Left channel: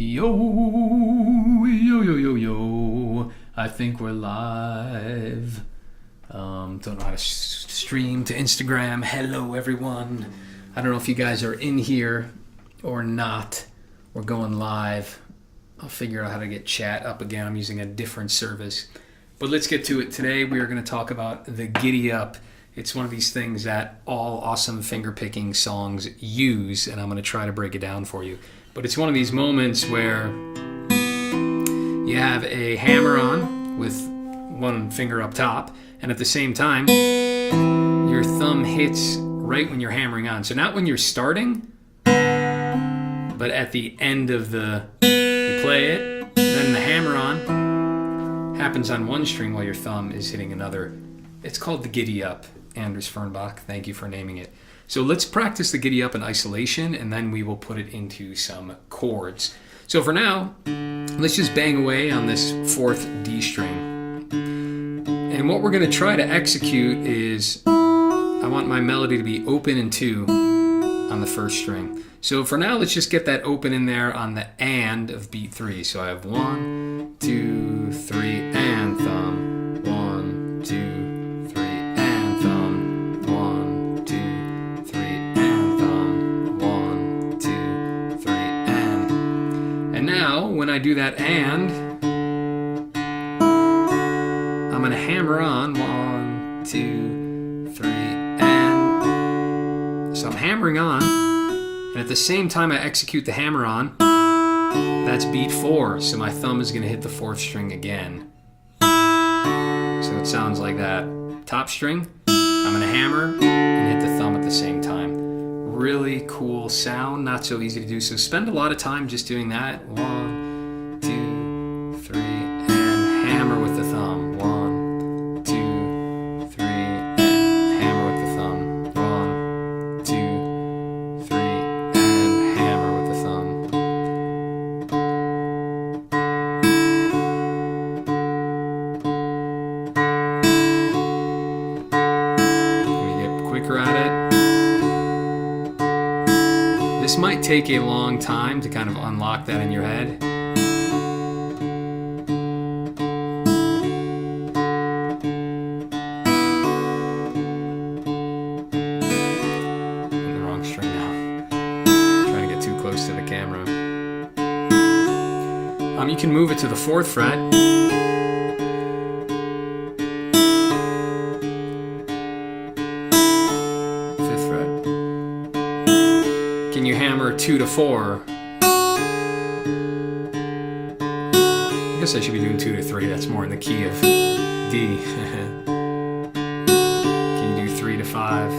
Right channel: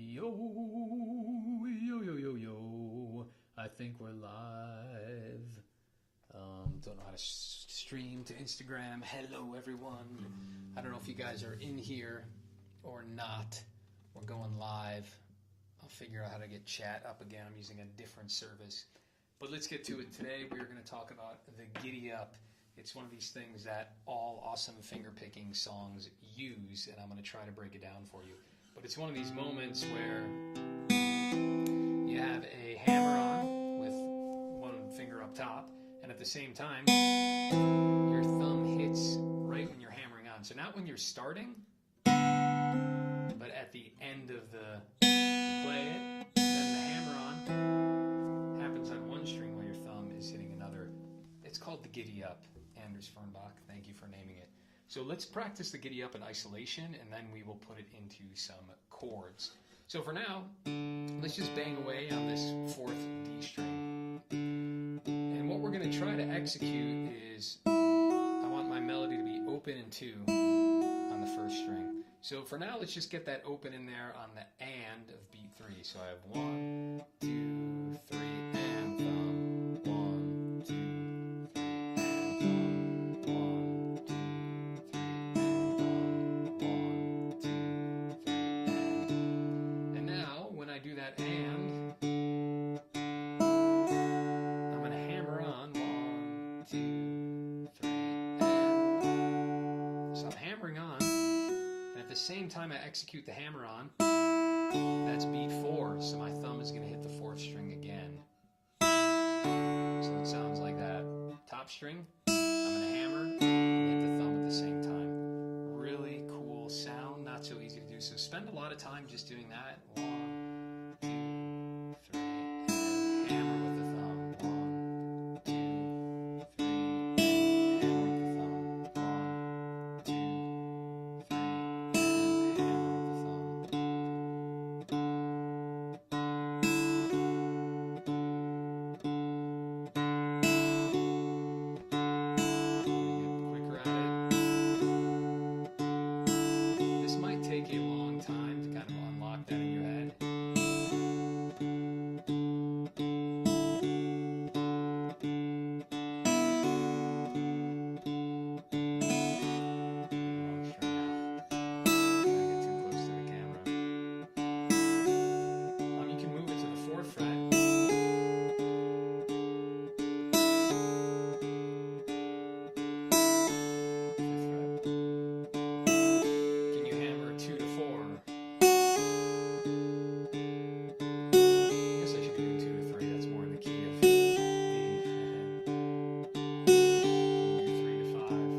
Yo, yo, yo, yo, yo. I think we're live. Don't know how to stream to Instagram. Hello, everyone. I don't know if you guys are in here or not. We're going live. I'll figure out how to get chat up again. I'm using a different service. But let's get to it. Today we are going to talk about the giddy up. It's one of these things that all awesome fingerpicking songs use, and I'm going to try to break it down for you. But it's one of these moments where you have a hammer-on with one finger up top, and at the same time, your thumb hits right when you're hammering on. So not when you're starting, but at the end of you play it, then the hammer-on happens on one string while your thumb is hitting another. It's called the giddy up. Anders Fernbach, thank you for naming it. So let's practice the giddy up in isolation, and then we will put it into some chords. So for now, let's just bang away on this fourth D string. And what we're going to try to execute is, I want my melody to be open and two on the first string. So for now, let's just get that open in there on the and of beat 3. So I have 1, 2, 3, and thumb. 1, 2, 3, and thumb. 1, 2, 3, and thumb. 1, 2, 3, and. And now, when I do that and, I'm going to hammer on 1, 2, 3, and. So I'm hammering on. And at the same time I execute the hammer-on, that's beat 4, so my thumb is going to hit the 4th string again. So it sounds like that. Top string, I'm going to hammer and hit the thumb at the same time. Really cool sound, not so easy to do. So spend a lot of time just doing that. 1, 2, 3, and hammer with the thumb. 1, 2, 3, and hammer with the thumb. 1, 2, 3. This might take a long time to kind of unlock that in your head. In the wrong string now. Trying to get too close to the camera. You can move it to the 4th fret. Can you hammer 2 to 4? I guess I should be doing 2 to 3. That's more in the key of D. Can you do 3 to 5?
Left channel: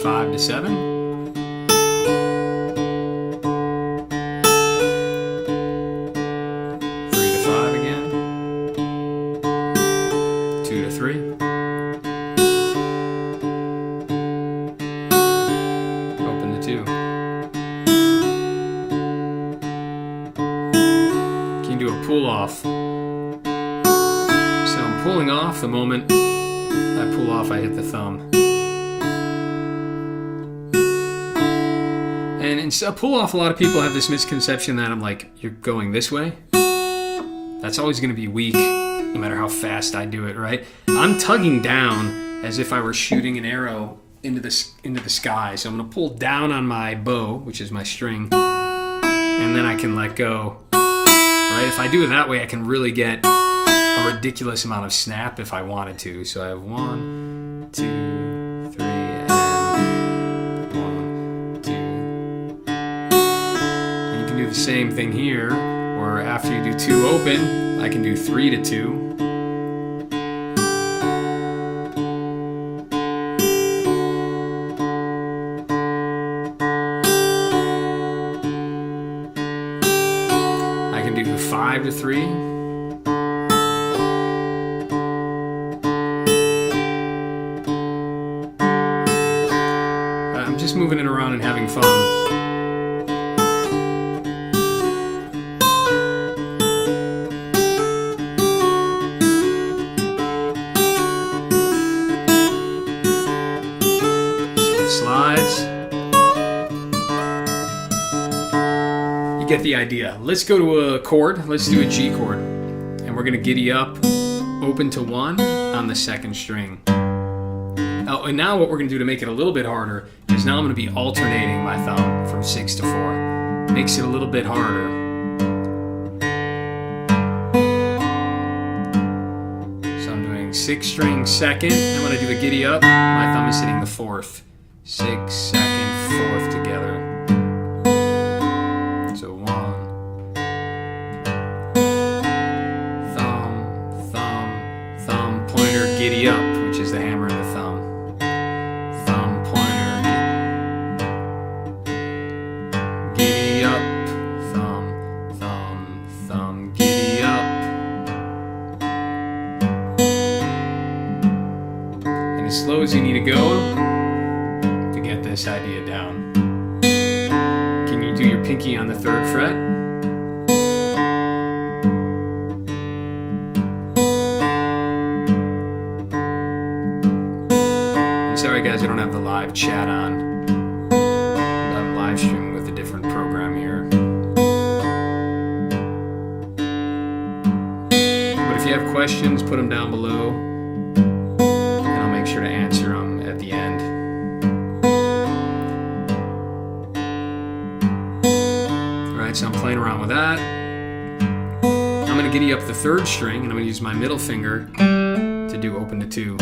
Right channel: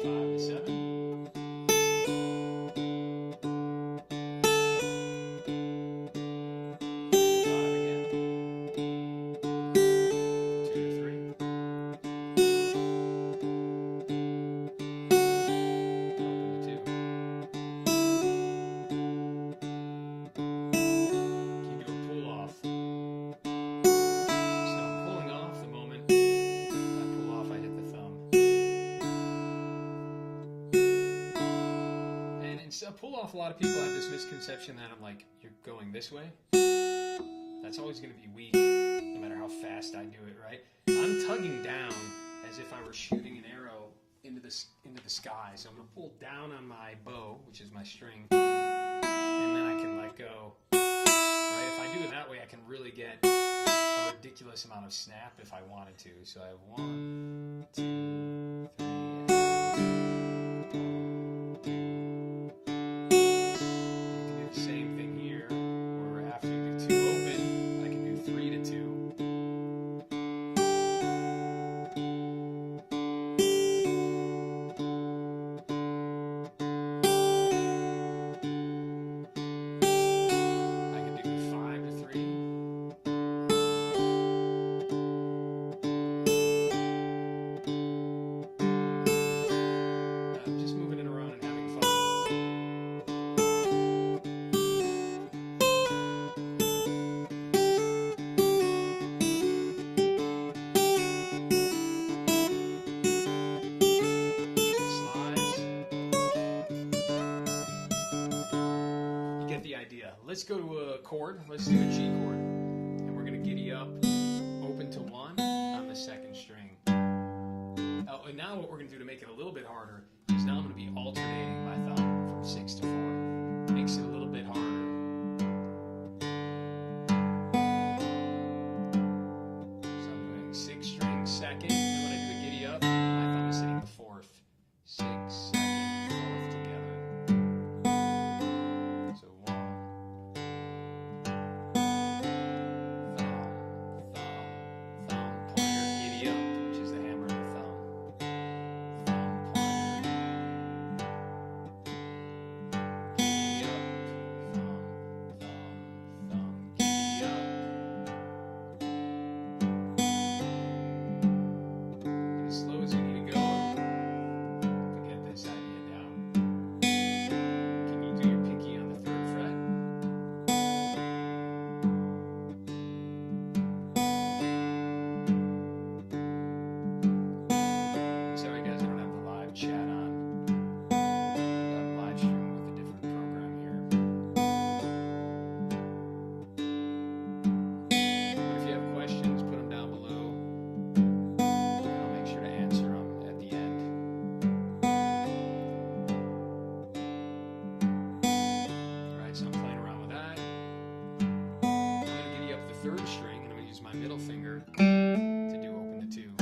5 to 7? 3 to 5 again? 2 to 3? Pull off. So I'm pulling off. The moment I pull off, I hit the thumb. And in a pull off, a lot of people have this misconception that I'm like, you're going this way. That's always going to be weak, no matter how fast I do it, right? I'm tugging down as if I were shooting an arrow into the sky. So I'm going to pull down on my bow, which is my string, and then I can let go. Right? If I do it that way, I can really get a ridiculous amount of snap if I wanted to. So I have 1, 2, 3, and 1, 2. And you can do the same thing here, or after you do 2 open, I can do 3 to 2. I can do 5 to 3. I'm just moving it around and having fun. So it slides. You get the idea. Let's go to a chord. Let's do a G chord. And we're going to giddy up, open to 1 on the 2nd string. Oh, and now what we're going to do to make it a little bit harder is now I'm going to be alternating my thumb from 6 to 4. Makes it a little bit harder. So I'm doing 6th string 2nd, and when I do the giddy up, my thumb is hitting the 4th. 6th, 2nd, 4th together. So 1. Thumb, thumb, thumb, pointer, giddy up, which is the hammer and the thumb. Thumb, pointer, giddy up. Thumb, thumb, thumb, giddy up. And as slow as you need to go to get this idea down. Can you do your pinky on the 3rd fret? I'm sorry guys, I don't have the live chat on. I'm live streaming with a different program here. But if you have questions, put them down below, and I'll make sure to answer them at the end. So I'm playing around with that. I'm going to giddy up the 3rd string, and I'm going to use my middle finger to do open to 2.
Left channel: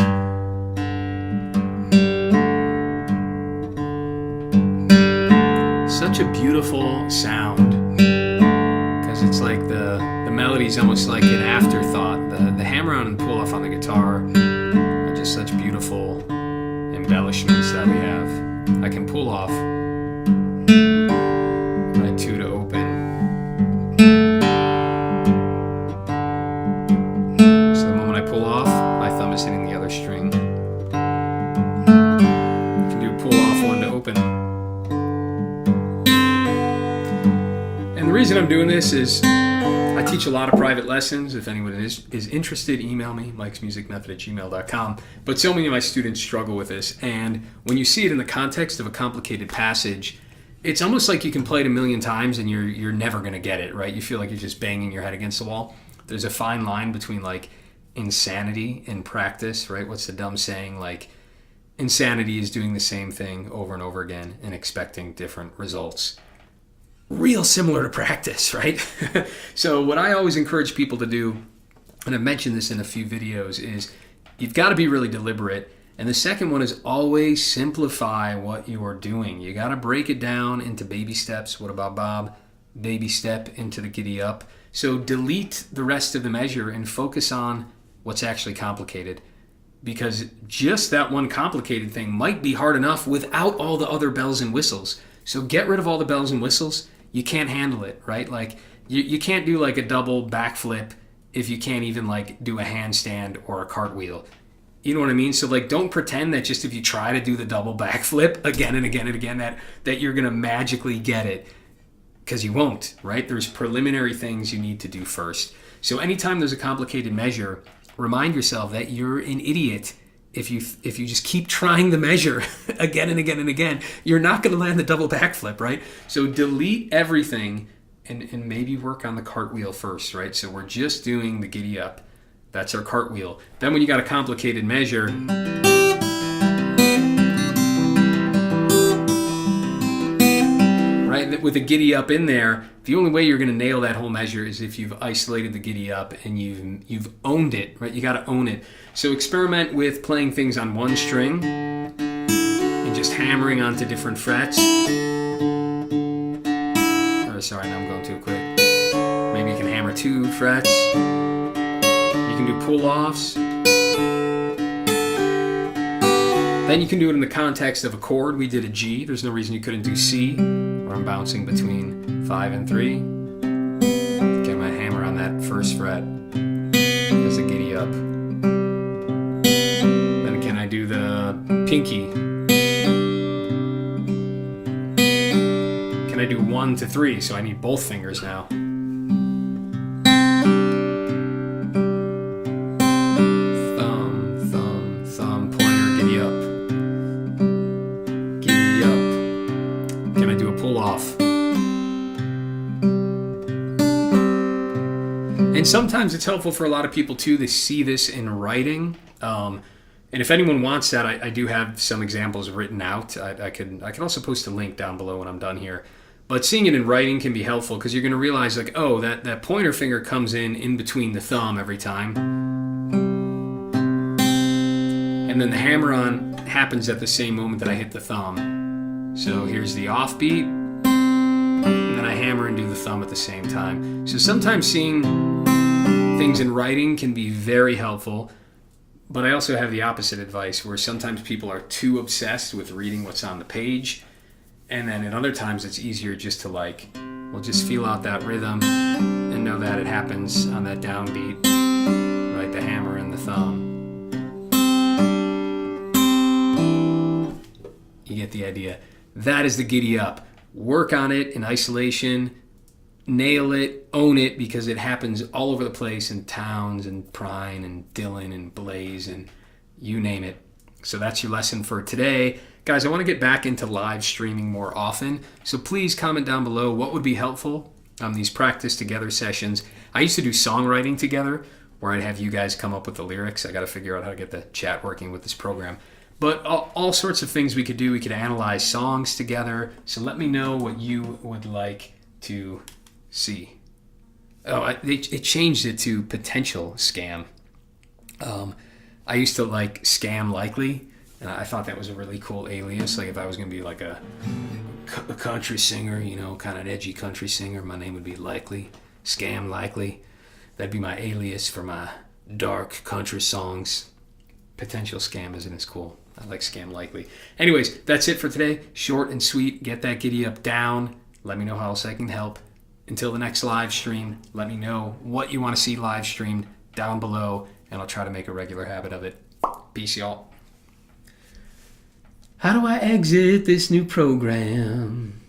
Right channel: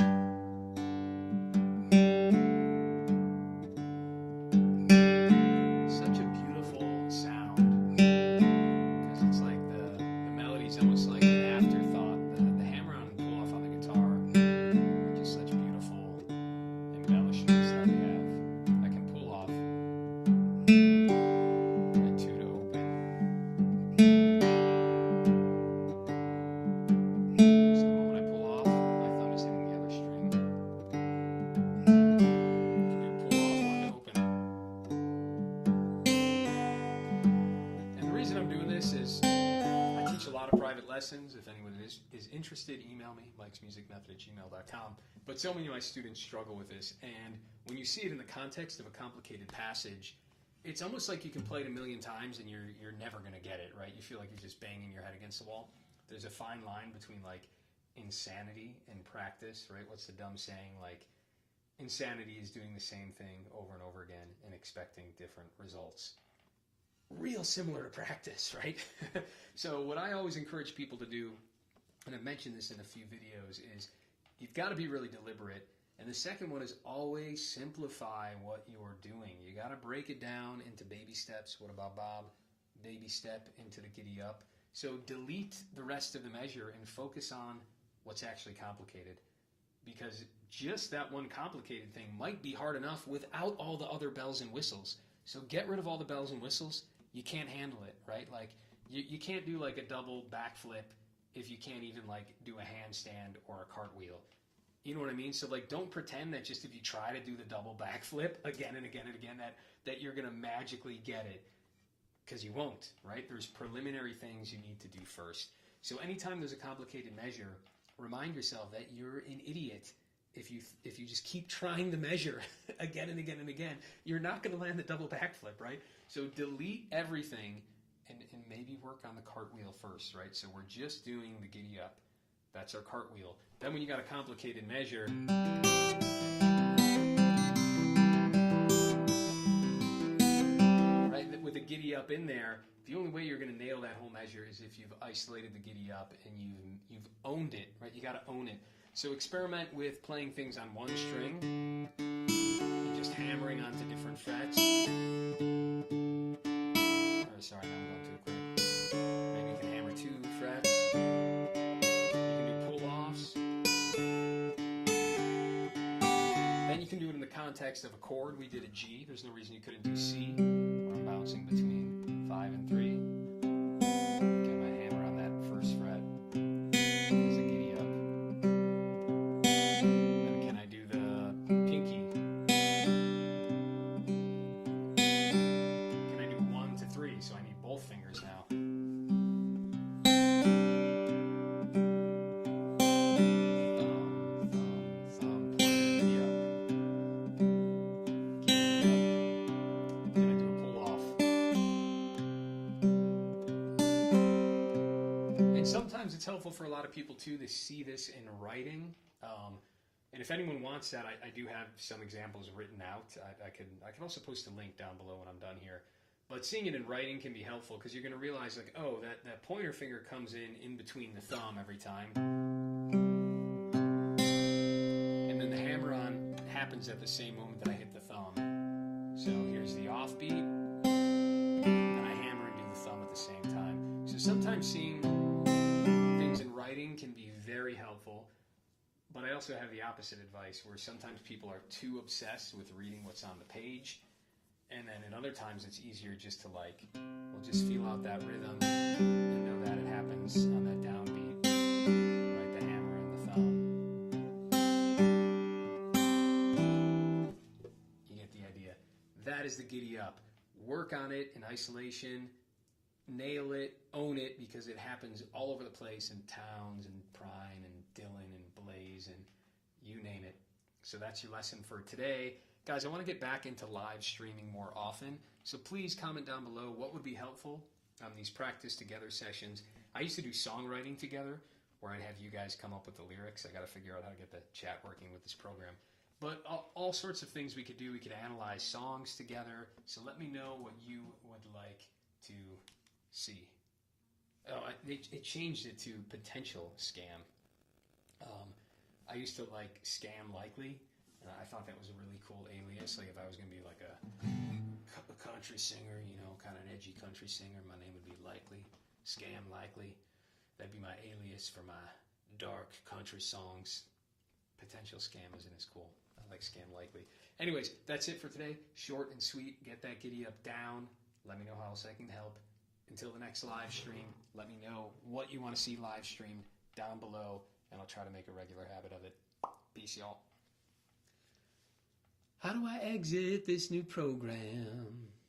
Such a beautiful sound, because it's like the melody's almost like an afterthought. The hammer-on and pull-off on the guitar are just such beautiful embellishments that we have. I can pull off my 2 to open. So the moment I pull off, my thumb is hitting the other string. You can do pull off 1 to open. And the reason I'm doing this is I teach a lot of private lessons. If anyone is interested, email me, mikesmusicmethod@gmail.com. But so many of my students struggle with this. And when you see it in the context of a complicated passage, it's almost like you can play it a million times and you're never going to get it, right? You feel like you're just banging your head against the wall. There's a fine line between like insanity and practice, right? What's the dumb saying? Like insanity is doing the same thing over and over again and expecting different results. Real similar to practice, right? So what I always encourage people to do, and I've mentioned this in a few videos, is you've got to be really deliberate. And the second one is always simplify what you are doing. You got to break it down into baby steps. What about Bob? Baby step into the giddy up. So delete the rest of the measure and focus on what's actually complicated. Because just that one complicated thing might be hard enough without all the other bells and whistles. So get rid of all the bells and whistles. You can't handle it, right? Like you can't do like a double backflip if you can't even like do a handstand or a cartwheel. You know what I mean? So like don't pretend that just if you try to do the double backflip again and again and again that you're going to magically get it, because you won't, right? There's preliminary things you need to do first. So anytime there's a complicated measure, remind yourself that you're an idiot if you just keep trying the measure again and again and again. You're not going to land the double backflip, right? So delete everything and maybe work on the cartwheel first, right? So we're just doing the giddy up. That's our cartwheel. Then when you got a complicated measure, right, with a giddy up in there, the only way you're going to nail that whole measure is if you've isolated the giddy up and you've owned it, right? You got to own it. So experiment with playing things on one string and just hammering onto different frets. Oh, sorry, now I'm going too quick. Maybe you can hammer 2 frets. You can do pull-offs. Then you can do it in the context of a chord. We did a G. There's no reason you couldn't do C, where I'm bouncing between 5 and 3. Get my hammer on that first fret as a giddy up. Then can I do the pinky? Can I do 1 to 3? So I need both fingers now. And sometimes it's helpful for a lot of people too to see this in writing. And if anyone wants that, I do have some examples written out. I can also post a link down below when I'm done here. But seeing it in writing can be helpful because you're going to realize, like, oh, that pointer finger comes in between the thumb every time. And then the hammer-on happens at the same moment that I hit the thumb. So here's the offbeat. And then I hammer and do the thumb at the same time. So sometimes seeing things in writing can be very helpful. But I also have the opposite advice where sometimes people are too obsessed with reading what's on the page. And then at other times it's easier just to just feel out that rhythm and know that it happens on that downbeat, like the hammer and the thumb. You get the idea. That is the giddy up. Work on it in isolation, nail it, own it, because it happens all over the place in Towns and Prine and Dylan and Blaze and you name it. So that's your lesson for today. Guys, I want to get back into live streaming more often, so please comment down below what would be helpful on these practice together sessions. I used to do songwriting together, where I'd have you guys come up with the lyrics. I got to figure out how to get the chat working with this program. But all sorts of things we could do. We could analyze songs together, so let me know what you would like to see. Oh, it changed it to potential scam. I used to like Scam Likely. And I thought that was a really cool alias. Like if I was going to be like a country singer, kind of an edgy country singer, my name would be Likely, Scam Likely. That'd be my alias for my dark country songs. Potential Scam isn't as cool. I like Scam Likely. Anyways, that's it for today. Short and sweet. Get that giddy up down. Let me know how else I can help. Until the next live stream, let me know what you want to see live streamed down below, and I'll try to make a regular habit of it. Peace, y'all. How do I exit this new program?